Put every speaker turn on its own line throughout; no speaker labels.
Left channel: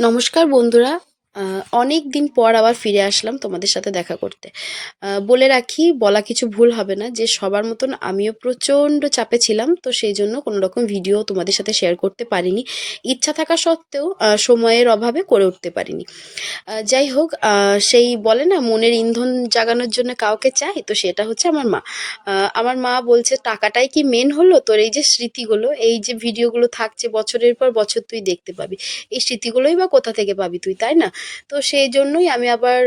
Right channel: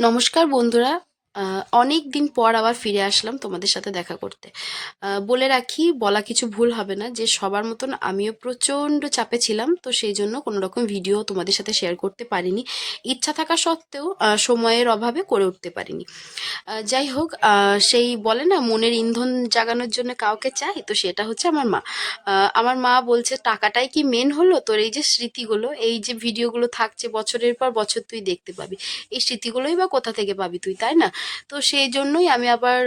নমস্কার বন্ধুরা অনেক দিন পর আবার ফিরে আসলাম তোমাদের সাথে দেখা করতে। বলে রাখি, বলা কিছু ভুল হবে না, যে সবার মতন আমিও প্রচণ্ড চাপে ছিলাম, তো সেই জন্য কোনো রকম ভিডিও তোমাদের সাথে শেয়ার করতে পারিনি। ইচ্ছা থাকা সত্ত্বেও সময়ের অভাবে করে উঠতে পারিনি। যাই হোক সেই বলে না, মনের ইন্ধন জাগানোর জন্য কাউকে চাই, তো সেটা হচ্ছে আমার মা। আমার মা বলছে, টাকাটাই কি মেন হলো? তোর এই যে স্মৃতিগুলো, এই যে ভিডিওগুলো থাকছে বছরের পর বছর তুই দেখতে পাবি। এই স্মৃতিগুলোই বা কোথা থেকে পাবি তুই, তাই না? তো সেই জন্যই আমি আবার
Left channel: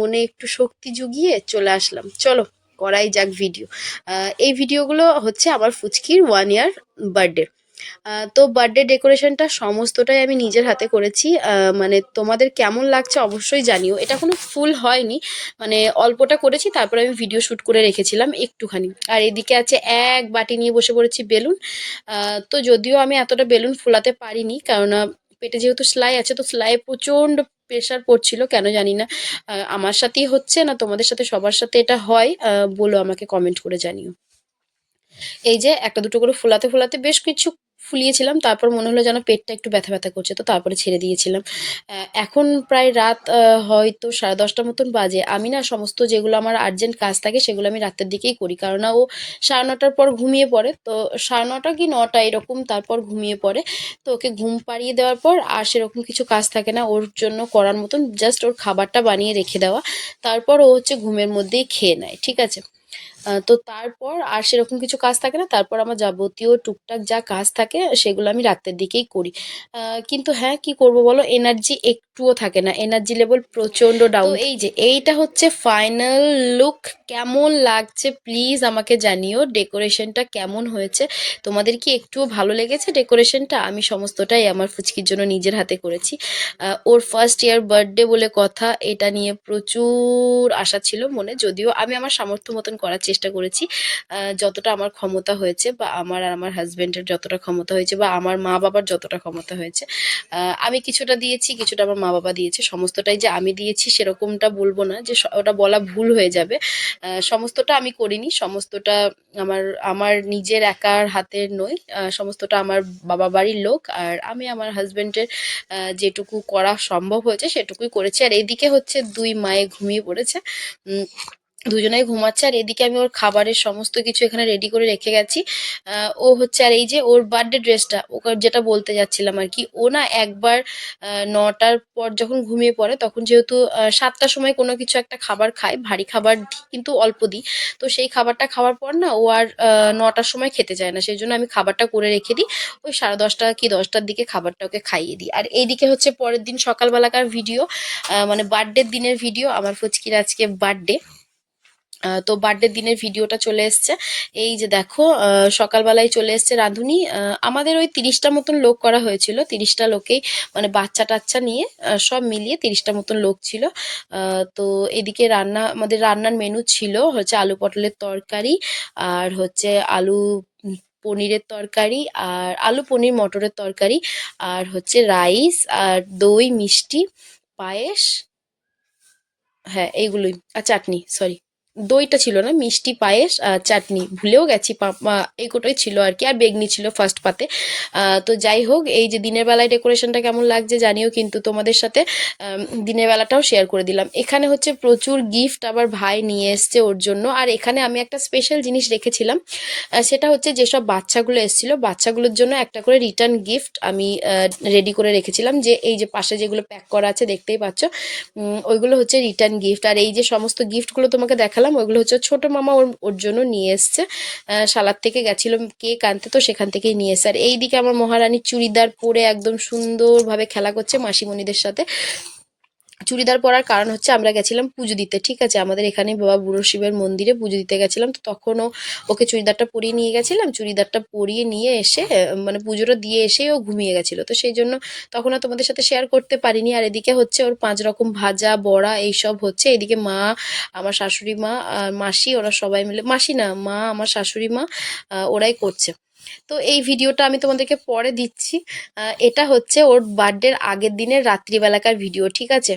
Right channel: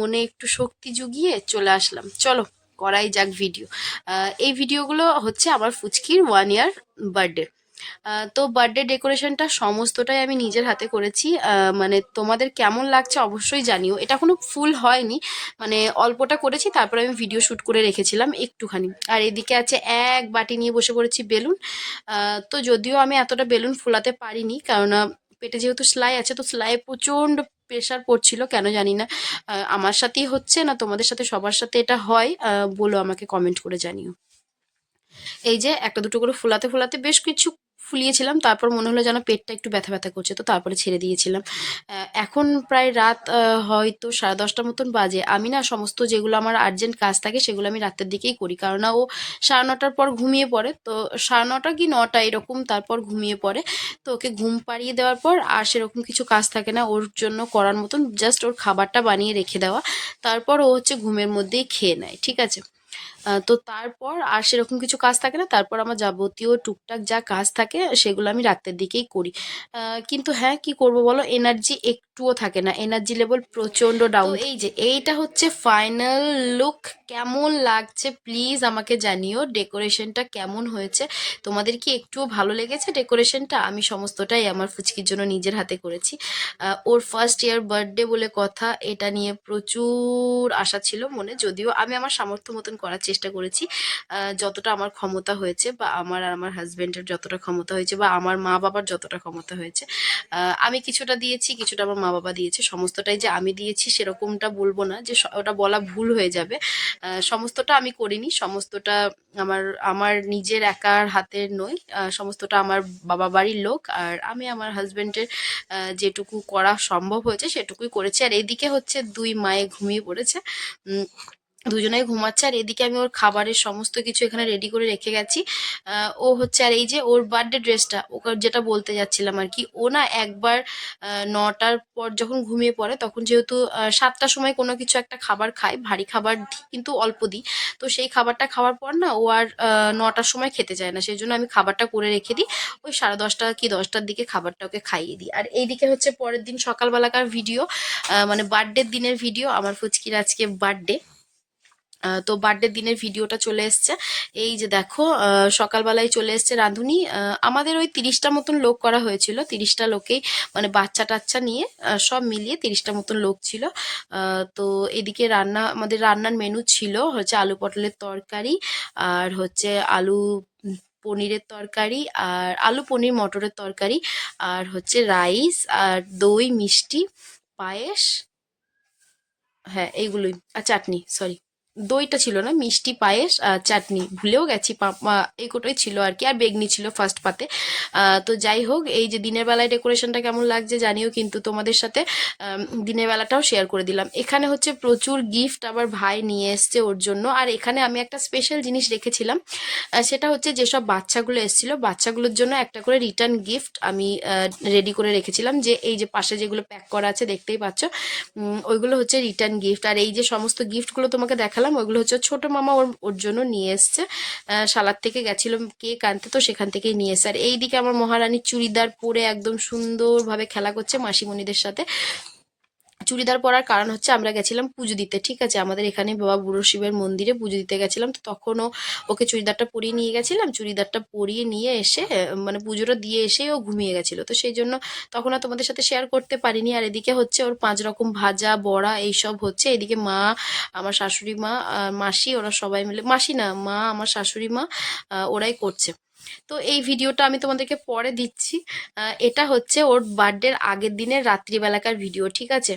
মনে একটু শক্তি জুগিয়ে চলে আসলাম। চলো, করাই যাক ভিডিও এই ভিডিওগুলো হচ্ছে আমার ফুচকির ওয়ান ইয়ার বার্থডে তো বার্থডে ডেকোরেশনটা সমস্তটাই আমি নিজের হাতে করেছি। মানে তোমাদের কেমন লাগছে অবশ্যই জানিও। এটা কোনো ফুল হয়নি। মানে অল্পটা করেছি, তারপরে আমি ভিডিও শ্যুট করে রেখেছিলাম একটুখানি। আর এদিকে আছে এক বাটি নিয়ে বসে পড়েছি বেলুন। তো যদিও আমি এতটা বেলুন ফোলাতে পারিনি, কারণ পেটে যেহেতু সেলাই আছে, তো সেলাইয়ে প্রচণ্ড প্রেশার পড়ছিল, কেন জানি না। আমার সাথেই হচ্ছে না, তোমাদের সাথে সবার সাথে এটা হয়। বলো আমাকে কমেন্ট করে জানিও। এই যে একটা দুটো করে ফোলাতে ফোলাতে বেশ কিছু ফুলিয়েছিলাম, তারপর মনে হলো যেন পেটটা একটু ব্যথা ব্যথা করছে, তো তারপরে ছেড়ে দিয়েছিলাম। এখন প্রায় রাত হয়তো সাড়ে দশটার মতন বাজে। আমি না সমস্ত যেগুলো আমার আর্জেন্ট কাজ থাকে, সেগুলো আমি রাতের দিকেই করি। কারণ ও সাড়ে নটার পর ঘুমিয়ে পড়ে, তো সাড়ে নটা কি নটা এরকম তারপর ঘুমিয়ে পড়ে। তো ওকে ঘুম পাড়িয়ে দেওয়ার পর আর সেরকম কিছু কাজ থাকে না, ওর জন্য করার মতন জাস্ট ওর খাবারটা বানিয়ে রেখে দেওয়া। তারপর ও হচ্ছে ঘুমের মধ্যেই খেয়ে নেয়, ঠিক আছে? তো তারপর আর সেরকম কিছু কাজ থাকে না। তারপর আমার যাবতীয় টুকটাক যা কাজ থাকে সেগুলো আমি রাতের দিকেই করি। কিন্তু হ্যাঁ কি করব বলো? এনার্জি একটুও থাকে না। এনার্জি লেভেল প্রচণ্ড ডাউন এই যে এইটা হচ্ছে ফাইনাল লুক কেমন লাগছে? প্লিজ আমাকে জানিও। ডেকোরেশনটা কেমন হয়েছে? তোমাদের কি একটুও ভালো লেগেছে? ডেকোরেশনটা আমি সমস্তটাই আমার ফুচকির জন্য নিজের হাতে করেছি। ওর ফার্স্ট ইয়ার বার্থডে বলে কথা এটা নিয়ে প্রচুর আশা ছিল মনে। যদিও আমি আমার সামর্থ্য মতন করার চেষ্টা করেছি যতটা আমার ক্ষমতা হয়েছে বা আমার আর আমার হাজব্যান্ডের যতটা ক্ষমতা হয়েছে বা আমার মা বাবার যতটা ক্ষমতা হয়েছে আমি কিছুটা দিয়েছি, কিছুটা আমার মা বাবা দিয়েছে, সমস্তটাই যে আমি দিয়েছি সেরকমটা বলব না যে ওটা বলা ভুল হয়ে যাবে সমস্তটা আমি করিনি, সমস্তটা আমার আমার নিজের একার হাতের নই সমস্তটা আমার বাবা বাড়ির লোক আর আমি আমার হাজব্যান্ডের যেটুকু করা সম্ভব হয়েছে সেটুকুই করেছি আর এইদিকে হচ্ছে দুই মায়ে ঘুমিয়ে পড়েছে দুজনেই ঘুমাচ্ছে, আর এদিকে আমি ওর খাবারের সমস্ত কিছু এখানে রেডি করে রেখে গেছি। ও হচ্ছে, আর এই যে ওর বার্থডে ড্রেসটা ওকে যেটা বলতে যাচ্ছিলাম আর কি, ও না একবার নটার পর যখন ঘুমিয়ে পড়ে, তখন যেহেতু সাতটার সময় কোনো কিছু একটা খাবার খায়, ভারী খাবার কিন্তু অল্প দিই। তো সেই খাবারটা খাওয়ার পর না, ও আর নটার সময় খেতে চায় না সেই জন্য আমি খাবারটা করে রেখে দিই। ওই সাড়ে দশটা কি দশটার দিকে খাবারটা ওকে খাইয়ে দিই। আর এইদিকে হচ্ছে পরের দিন সকালবেলাকার ভিডিও মানে বার্থডের দিনের ভিডিও আমার ফুচকির আজকে বার্থডে তো বার্থডে দিনের ভিডিওটা চলে এসছে। এই যে দেখো সকালবেলায় চলে এসছে রাঁধুনি। আমাদের ওই তিরিশটা মতন লোক করা হয়েছিল। তিরিশটা লোকেই মানে বাচ্চা টাচ্চা নিয়ে সব মিলিয়ে তিরিশটা মতন লোক ছিল। তো এদিকে রান্না, আমাদের রান্নার মেনু ছিল হচ্ছে আলু পটলের তরকারি আর হচ্ছে আলু পনিরের তরকারি আর আলু পনির মটরের তরকারি আর হচ্ছে রাইস আর দই, মিষ্টি, পায়েস হ্যাঁ এইগুলোই। আর চাটনি সরি দইটা ছিল না, মিষ্টি পায়েস আর চাটনি। ভুলেও গেছি এই কোটাই ছিল আর কি, আর বেগনি ছিল ফার্স্ট পাতে। তো যাই হোক, এই যে দিনের বেলায় ডেকোরেশনটা কেমন লাগছে জানিও কিন্তু তোমাদের সাথে দিনের বেলাটাও শেয়ার করে দিলাম। এখানে হচ্ছে প্রচুর গিফট আবার ভাই নিয়ে এসছে ওর জন্য। আর এখানে আমি একটা স্পেশাল জিনিস রেখেছিলাম সেটা হচ্ছে যেসব বাচ্চাগুলো এসেছিল, বাচ্চাগুলোর জন্য একটা করে রিটার্ন গিফট আমি রেডি করে রেখেছিলাম। যে এই যে পাশে যেগুলো প্যাক করা আছে, দেখতেই পাচ্ছ ওইগুলো হচ্ছে রিটার্ন গিফট আর এই যে সমস্ত গিফটগুলো তোমাকে দেখালাম, ওইগুলো হচ্ছে ছোট মামা ওর ওর জন্য নিয়ে এসছে। সালাদ থেকে গেছিল কেক আনতে, তো সেখান থেকেই নিয়ে এসছে। আর এইদিকে আমার মহারানী চুড়িদার পরে একদম সুন্দরভাবে খেলা করছে মাসিমণিদের সাথে। চুড়িদার পরার কারণ হচ্ছে আমরা গেছিলাম পুজো দিতে, ঠিক আছে? আমাদের এখানে বাবা বুড়ো শিবের মন্দিরে পুজো দিতে গেছিলাম, তো তখনও ওকে চুড়িদারটা পরিয়ে নিয়ে গেছিলাম, চুড়িদারটা পরিয়ে নিয়ে এসে মানে পুজোটা দিয়ে এসে ও ঘুমিয়ে গেছিল। তো সেই জন্য তখন আর তোমাদের সাথে শেয়ার করতে পারিনি। আর এদিকে হচ্ছে ওর পাঁচ রকম ভাজা, বড়া এইসব হচ্ছে। এদিকে মা, আমার শাশুড়ি মা মাসি, ওরা সবাই মিলে, মাসি না, মা, আমার শাশুড়ি মা ওরাই করছে। তো এই ভিডিওটা আমি তোমাদেরকে পরে দিচ্ছি। এটা হচ্ছে ওর বার্থডের আগের দিনের রাত্রিবেলাকার ভিডিও ঠিক আছে?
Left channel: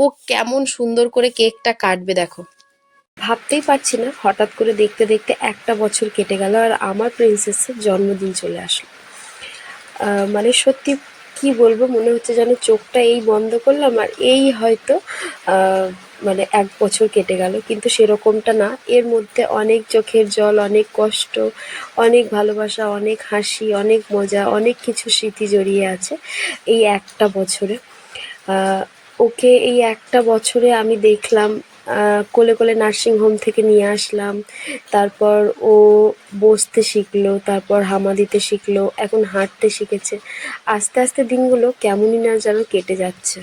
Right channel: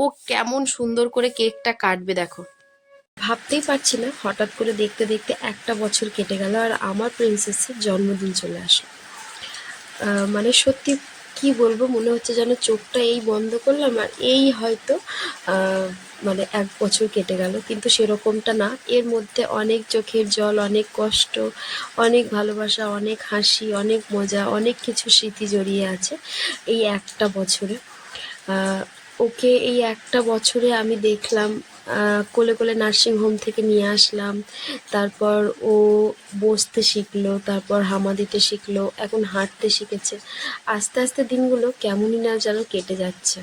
ও কেমন সুন্দর করে কেকটা কাটবে, দেখো। ভাবতেই পারছি না, হঠাৎ করে দেখতে দেখতে একটা বছর কেটে গেল আর আমার প্রিন্সেসের জন্মদিন চলে আসলো। মানে সত্যি কি
বলব, মনে হচ্ছে যেন চোখটা এই বন্ধ করলাম আর এই হয়তো মানে এক বছর কেটে গেল, কিন্তু সেরকমটা না। এর মধ্যে অনেক চোখের জল, অনেক কষ্ট, অনেক ভালোবাসা, অনেক হাসি, অনেক মজা, অনেক কিছু স্মৃতি জড়িয়ে আছে এই একটা বছরে। ওকে এই একটা বছরে আমি দেখলাম কোলে কোলে নার্সিং হোম থেকে নিয়ে আসলাম, তারপর ও বসতে শিখলো, তারপর হামা দিতে শিখলো, এখন হাঁটতে শিখেছে। আস্তে আস্তে দিনগুলো কেমনই না যেন কেটে যাচ্ছে।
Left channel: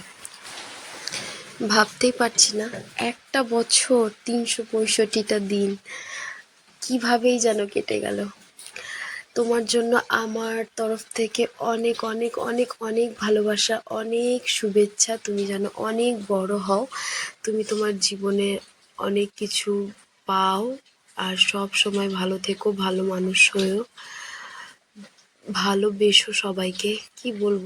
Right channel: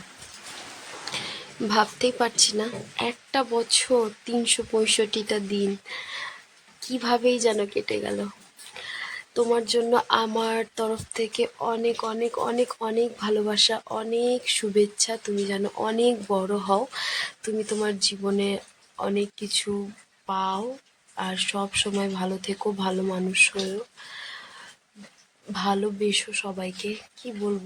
ভাবতেই পারছি না। একটা বছর তিনশো পঁয়ষট্টিটা দিন, কিভাবেই যেন কেটে গেল। তোমার জন্য আমার তরফ থেকে অনেক অনেক অনেক অনেক ভালোবাসা, অনেক শুভেচ্ছা। তুমি যেন অনেক বড় হও। তুমি তোমার জীবনে অনেক কিছু পাও। আর সব সময় ভালো থেকো, ভালো মানুষ হয়েও। ভালোবেসো সবাইকে। কি বলব?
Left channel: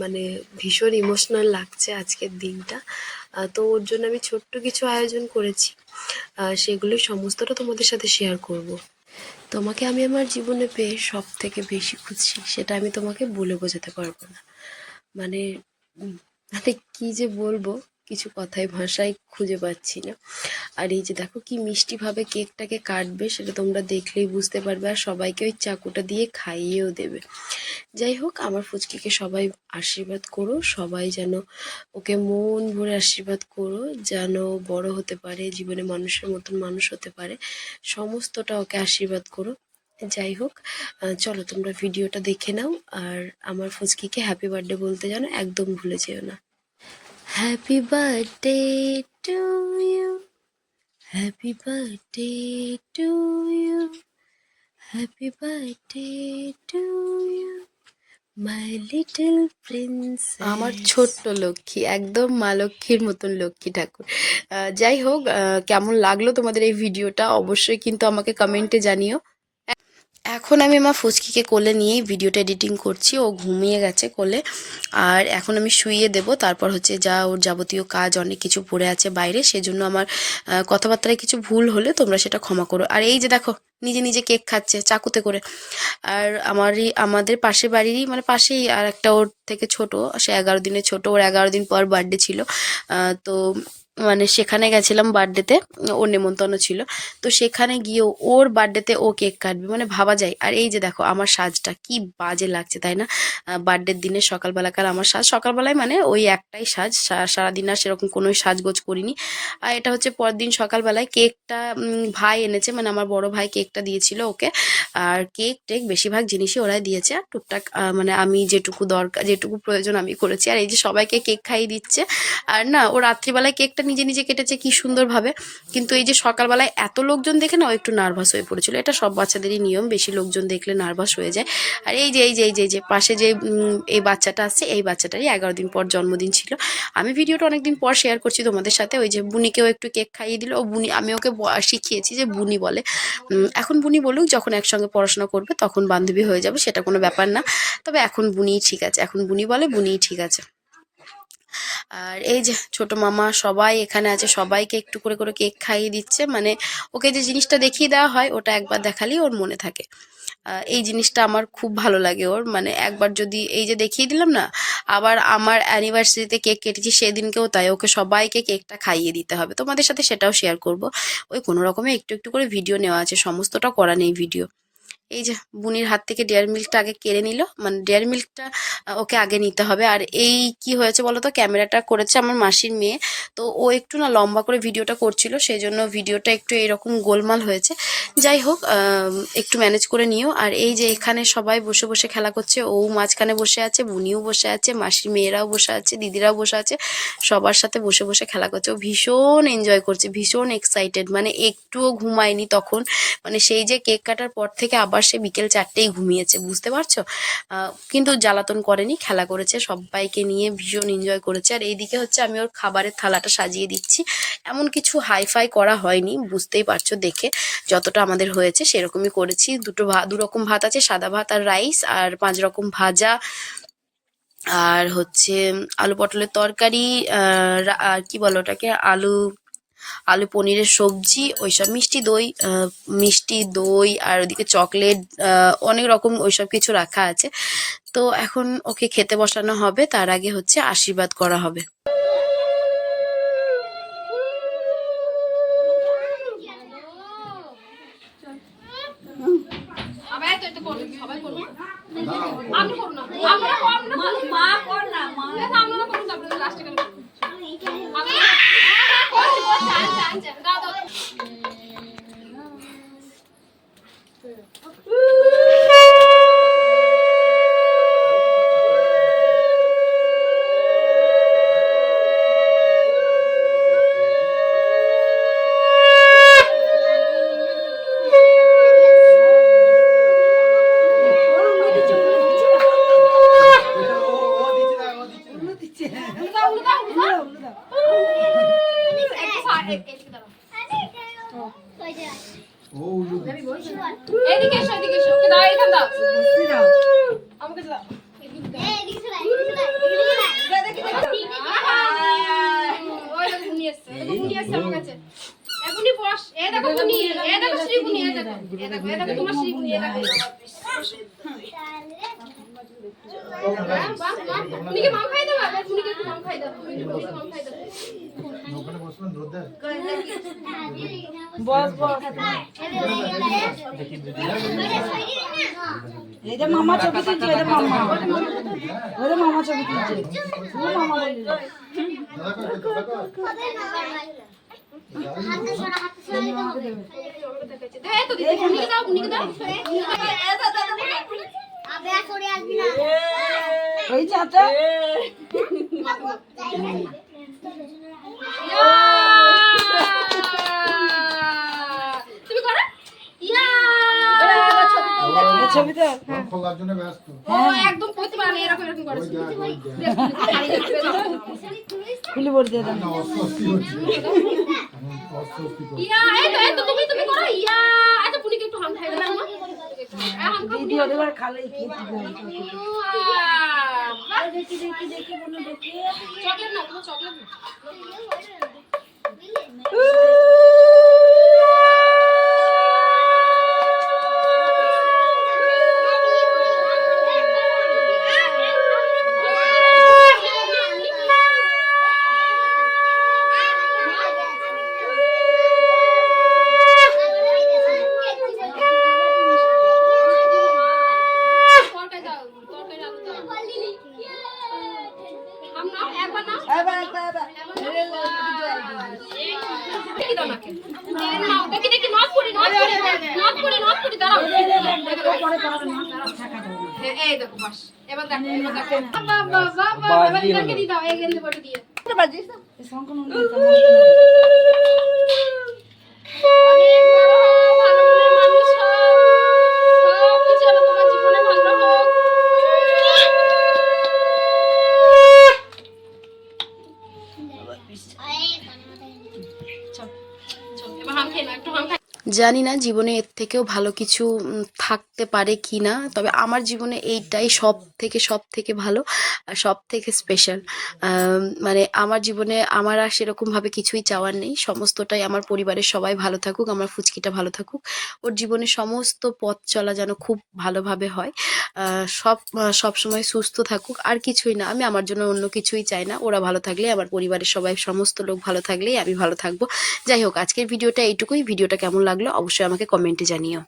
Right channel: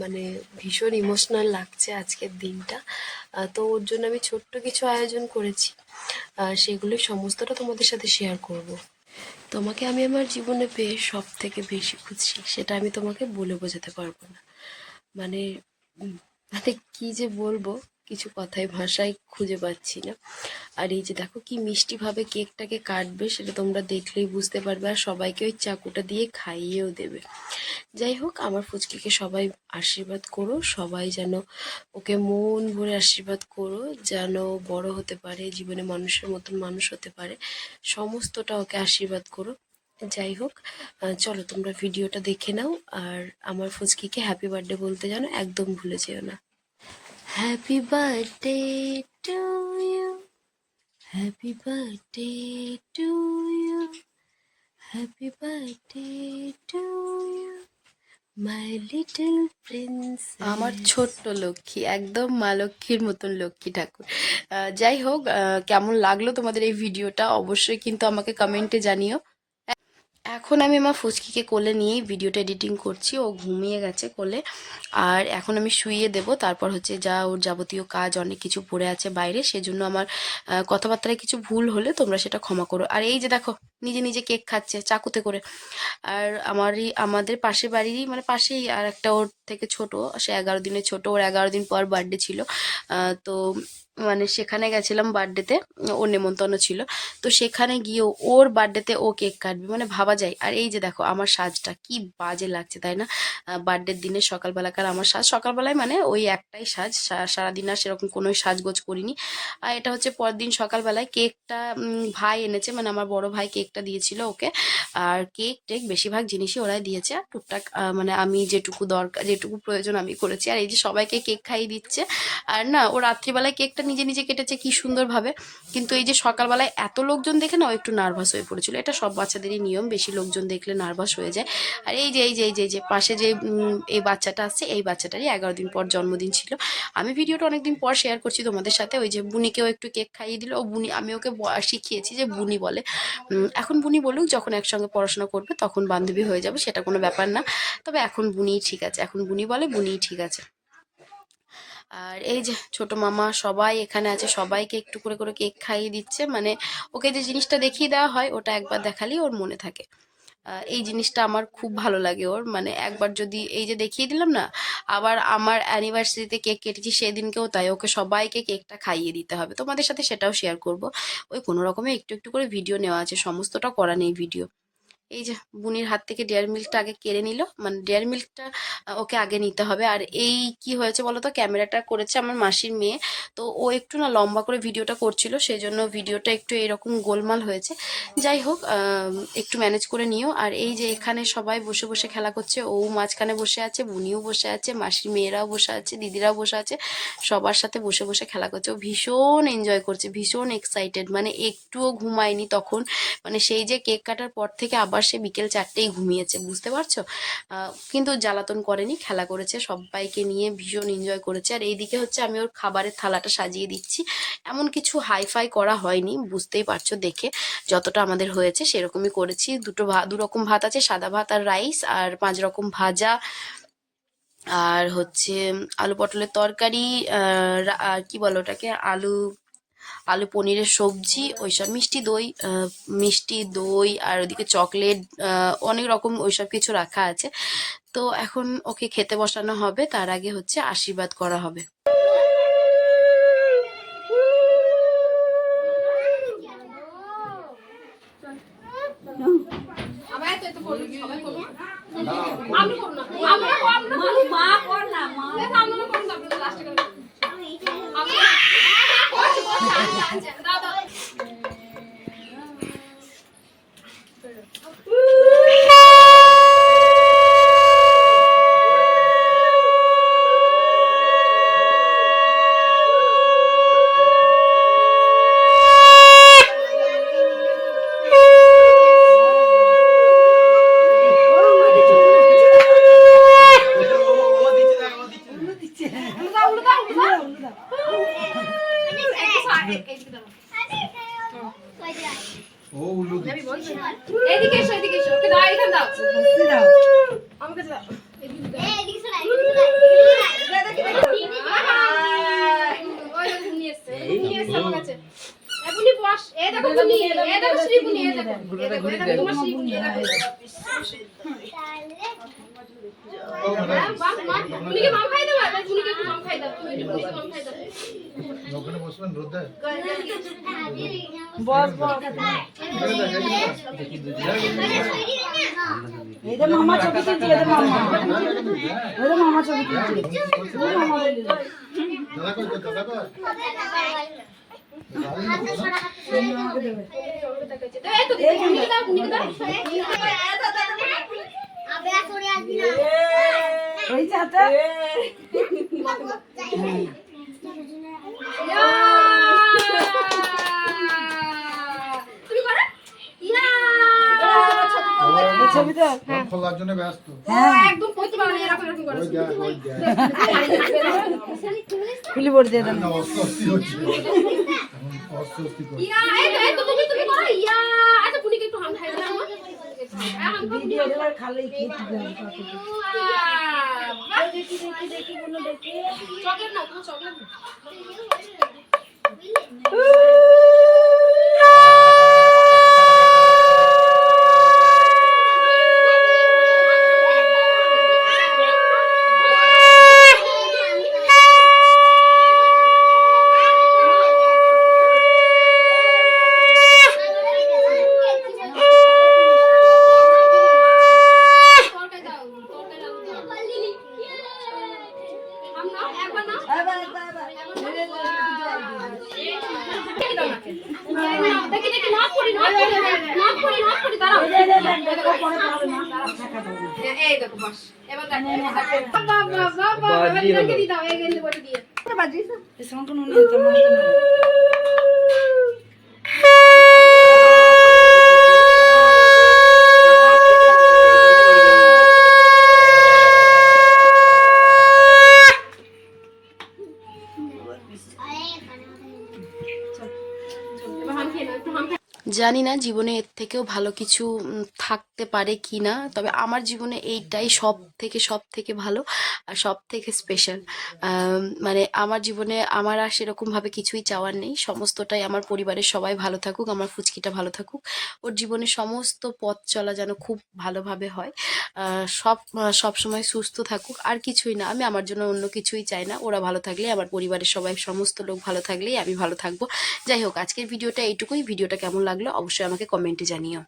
মানে ভীষণ ইমোশনাল লাগছে আজকের দিনটা। তো ওর জন্য আমি ছোট্ট কিছু আয়োজন করেছি। সেগুলো সমস্তটা তোমাদের সাথে শেয়ার করব। তোমাকে আমি আমার জীবনে পেয়ে সব থেকে বেশি খুশি, সেটা আমি তোমাকে বলে বোঝাতে পারব না। মানে মানে কি যে বলব? কিছু কথায় ভাষায় খুঁজে পাচ্ছি না। আর এই যে দেখো কি মিষ্টিভাবে কেকটাকে কাটবে সেটা তোমরা দেখলেই বুঝতে পারবে আর সবাইকে ওই চাকুটা দিয়ে খাইয়েও দেবে। যাই হোক, আমার ফুচকিকে সবাই আশীর্বাদ করো, সবাই যেন ওকে মন ভরে আশীর্বাদ করো, যেন বড় হতে পারে, জীবনে মানুষের মতন মানুষ হতে পারে, সমস্তটা ওকে আশীর্বাদ করো। যাই হোক চলো তোমরা ভিডিওটা দেখে নাও, আর আমার ফুচকিকে হ্যাপি বার্থডে বলতে জানো একদম ভুলে যেও না। Happy birthday to you happy birthday to you happy birthday to you my little prince
আমার ছোট্ট লক্ষ্মী, একদম মা লক্ষ্মীর মতন লক্ষ্মী ঠাকুর। যাই হোক কেমন লাগল তোমাদের এই ভিডিওটা? অবশ্যই কিন্তু আমাকে কমেন্টে জানিও। এখন আমি আমার ফুচকিকে কোলে নিয়েই ভিডিওটা এডিটিং করছি, ও ঘুমিয়ে গেছে কোলে। আর এখন আমি শুইয়ে দেব, তারপর হচ্ছে যা ওর যাবতীয় কাজ, অনেক কিছু পড়ে আছে বাইরে, সেজন্য আমার কথাবার্তায় কিছু ভুল হলে তোমরা সেটা ক্ষমা করো। আর এই যে দেখো, নিজে নিজে কেক খাচ্ছে চাকুতে করে। আর আমারই, আমাদের পাশে বাড়িরই মানে পাশেই আর একটা ওর থেকে ছোট, সে এগারো দিনের ছোট, ওর এগারো দিন পর বার্থডে ছিল। তো মানে সেখানে গেছিলাম বার্থডেতে, ওর নেমন্তন্ন ছিল। তো সেখানে গিয়েও ওর বার্থডেতে ও কেক কাটবে। মানে ভাবা যায়। আর এই যে দেখো, আমার সাজটা কি বাজে লাগছে, তাই না? বার্থডের দিনে সকালবেলাকার আমার সাজ। সকালবেলায় মানে ওই একটাই সাজ। সারাদিন আর সেরকম কোনো সাজগোজ করিনি। আর এটা হচ্ছে পরের দিন সকালবেলায় কেকটা ভাই এনেছে। মানে আমার বড় ভাই কেকটা দিয়েছিল ওকে। আর কেক টেক বেশিরভাগ জিনিসই ওরাই দিয়েছে। আর টুকটাক মানে আমি যেটুকু দরকার যেটুকু প্রয়োজন আমি করেছি। আর এই যে সবাইকে কেক খাইয়ে দিচ্ছে। আর না, ও রাত্রিবেলায় কেকটা নিজে নিজে কেটেছে, কি সুন্দরভাবে। কিন্তু এই যে সকালবেলায় এত লোকজন দেখে না ও একটু নার্ভাস হয়ে পড়েছিল। এটা সব বাচ্চাদেরই নিয়ম, বেশি লোকজন দেখলে নার্ভাস হয়ে যায়। আর এই যে এই যে এই যে যে, পাশে যে এই বাচ্চাটা আসছে এই বাচ্চাটারই এগারো দিন পর জন্মদিন ছিল। আমি ভিডিওটা অনেকদিন পর শেয়ার করছি তোমাদের সাথে। ওই যে বুনিকেও একটু কেক খাইয়ে দিল। ও বুনি, আমি ওকে শিখিয়েছি যে বুনি বলে। এখন বুনি বলুক, যখন একসঙ্গে পড়াশোনা করবে, তখন বান্ধবী হয়ে যাবে, সেটা কোনো ব্যাপার না। তবে এখন বুনিই ঠিক আছে। এখন বুনি বলে, বুনিই ঠিক আছে। আর এই যে ছোট মামা সবাই এখানে আছে, সবাইকে একটু করে করে কেক খাইয়ে দিচ্ছে। মানে ওকে যে জিনিসটা দেখিয়ে দেওয়া হয়, ওটা একবার দেখালেই ওর মনে থাকে। এই জিনিসটা আমার খুব ভালো লাগে ওর। মানে একবার যদি এই যে দেখিয়ে দিলাম না, আবার আমার অ্যানিভার্সারিতে কেক কেটেছি সেদিনকেও তাই ওকে সবাইকে কেকটা খাইয়ে দিতে হবে। তোমাদের সাথে সেটাও শেয়ার করব। ওই কোনো রকমে একটু একটু করে ভিডিও নেওয়া আছে, সমস্তটা করা নেই ভিডিও এই যে বুনির হাত থেকে ডেয়ার মিল্কটা আগে কেড়ে নিল। মানে ডেয়ার মিল্কটা ওকে আগে নিতে হবে। আর এই কি হয়েছে বলো তো ক্যামেরাটা করেছে আমার মাসির মেয়ে। তো ও একটু না লম্বা করে ভিডিওটা করছিল সেই জন্য ভিডিওটা একটু এরকম গোলমাল হয়েছে। যাই হোক একটু ম্যানেজ করে নিও। আর এই যে এখানে সবাই বসে বসে খেলা করছে, ও মাঝখানে বসে আছে, বুনিও বসে আছে, মাসির মেয়েরাও বসে আছে, দিদিরাও বসে আছে, সবার সাথে বসে বসে খেলা করছে। ও ভীষণ এনজয় করছে, ভীষণ এক্সাইটেড মানে একটুও ঘুমায়নি তখন। মানে সেই যে কেক কাটার পর থেকে আবার সে বিকেল চারটেই ঘুমিয়েছে, বুঝতে পারছ? কিন্তু জ্বালাতন করেনি, খেলা করেছে, সবাইকে নিয়ে ভীষণ এনজয় করেছে। আর এইদিকে হচ্ছে আমি ওর খাবারের থালাটা সাজিয়ে দিচ্ছি। এমন কিছু হাইফাই করা হয়নি, বুঝতেই পারছ দেখে। যতটা আমাদের হয়েছে সেরকমই করেছি। দুটো ভাত দু রকম ভাত আছে, সাদা ভাত আর রাইস আর পাঁচ রকম ভাজা। আর হচ্ছে আলু পটলের তরকারি আর কি বলো ওটাকে? আলু আলু, পনিরের সবজি, ওইসব মিষ্টি দই মিষ্টি দই আর ওদিকে চকলেট অনেক রকম ওইসব কিছু রাখা আছে। তো এখন ওকে খেতে বসানো হবে, তার আগে হচ্ছে আশীর্বাদ করা হবে।
剪刀的。এই দেখো তোমার শ্রী বুনি এই দেখো বাহ বাহ। বুনিকে মাম খাই দাও মাম খাই দাও মাম খাই দাও।
ওখানে বসবেন রোদ্দায়
বস বস। এই যে মামা ছবি তুলছে এই যে মামা। যে ছবি তুলছে। বলে
দাদা কই দাদা কই?
ওই
তুমি করো ইয়া
খোলার জন্য ব্যস্ত
একদম কইতে পারে এরকম এরকম করে
খুলি পড়ে দিয়ে দেন
অস্বস্তি হচ্ছে অস্বস্তি
ইয়া এই তো এই তো তুমি তুমি করো ইয়া আচ্ছা পুনিকে একটু হাম খাই দিলাম হাম
ভিডিও দেবার খালেই খেতে দেবে
দেখি দেখি দেখি বলো দেখি চকলেট নাও তুমি চকলেট নাও তরকারি দাও তরকারি আলু দাও হাম নাও একবার নাও দেখি দাও নাকে নাও দেখি দেখি নক করি নক করি নক করি নক করি দাঁড়াও এই দেখো বাস এবার দেখো এবার দেখো বাবা বাবা বাবা এবার দিদাকে দি দাও এই গেন্দে বড়ি দিয়ে
শঙ্কর মনে হয় তোমার মতো না।
এবার হাম খেয়ে নাও একটু হাম খাই
জানি না জীবনে এর থেকেও ভালো কিছু থাকতে পারে কি না তবে আমার জীবনে এইটাই সব থেকে সব থেকে ভালো আর সব থেকে স্পেশাল মানে আমার জীবনে আমার আর সেরকমভাবে কিছুই চাওয়ার নেই। সমস্তটাই আমার পরিবারের সবাই ভালো থাকুক, আমার ফুচকিটা ভালো থাকুক। ওর জীবনে সমস্ত পথ চলা যেন খুব ভালোভাবে হয়। সব সব সময় সুস্থ থাকুক, আর কিছুই না। আমি আমার জন্য অন্য কিছুই চাই না। ওরা ভালো থাকলে, আমার পরিবারের সবাই, সমস্ত লোক ভালো থাকলেই আমি ভালো থাকব। যাই হোক, আজকের ভিডিওটা এইটুকুই। ভিডিওটা কেমন লাগল অবশ্যই আমাকে কমেন্টে জানিও।